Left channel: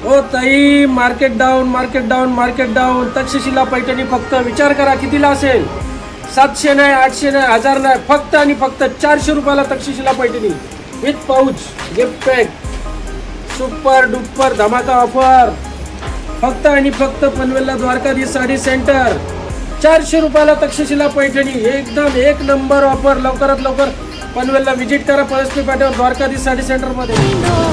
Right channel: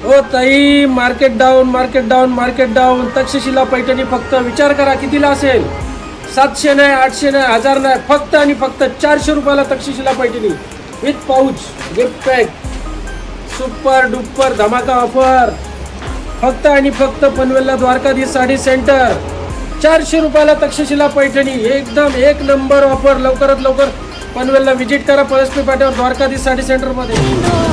ओ ताई, market down, market down, market down. Takshashila Paithani फक्त विचार करा कितीला असेल. 700 नाही, 800 नाही, 1000 नाही, फक्त आणि फक्त 400 रुपयाला Takshashila Paithani with pouch gift pack. Super duper धमाका ऑफर. फक्त आणि फक्त पनवेलला द्वारकाधीश साडी सेंटर. 400 रुपयाला तक्षशिला पैठणी. एकदम एक नंबर ऑफर. लवकरात लवकर पनवेलला व्हिजिट करा. पळसपी पाट्यावर द्वारकाधीश साडी सेंटर मध्ये.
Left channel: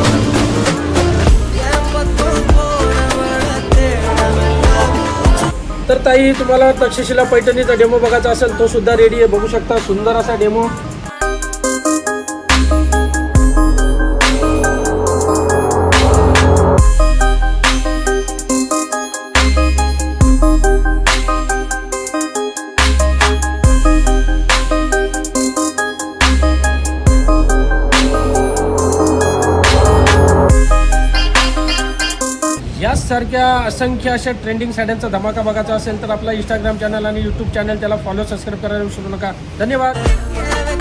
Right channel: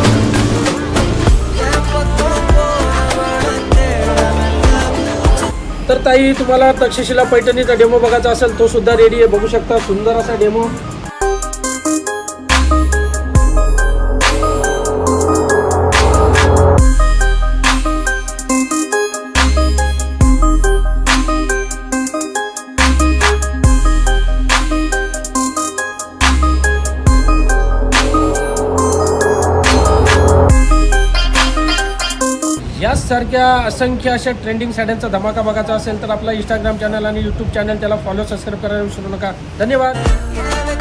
तर ताई, तुम्हाला तक्षशिला पैठणीचा डेमो बघायचा असेल तो सुद्धा रेडी आहे. बघू शकता सुंदर असा डेमो. यासारख्या असंख्य अशा ट्रेंडिंग साड्यांचा धमाका बघायचा असेल तर आपला इंस्टाग्राम चॅनल आणि यूट्यूब चॅनल त्याला फॉलो सबस्क्राईब करायला विसरू नका. धन्यवाद.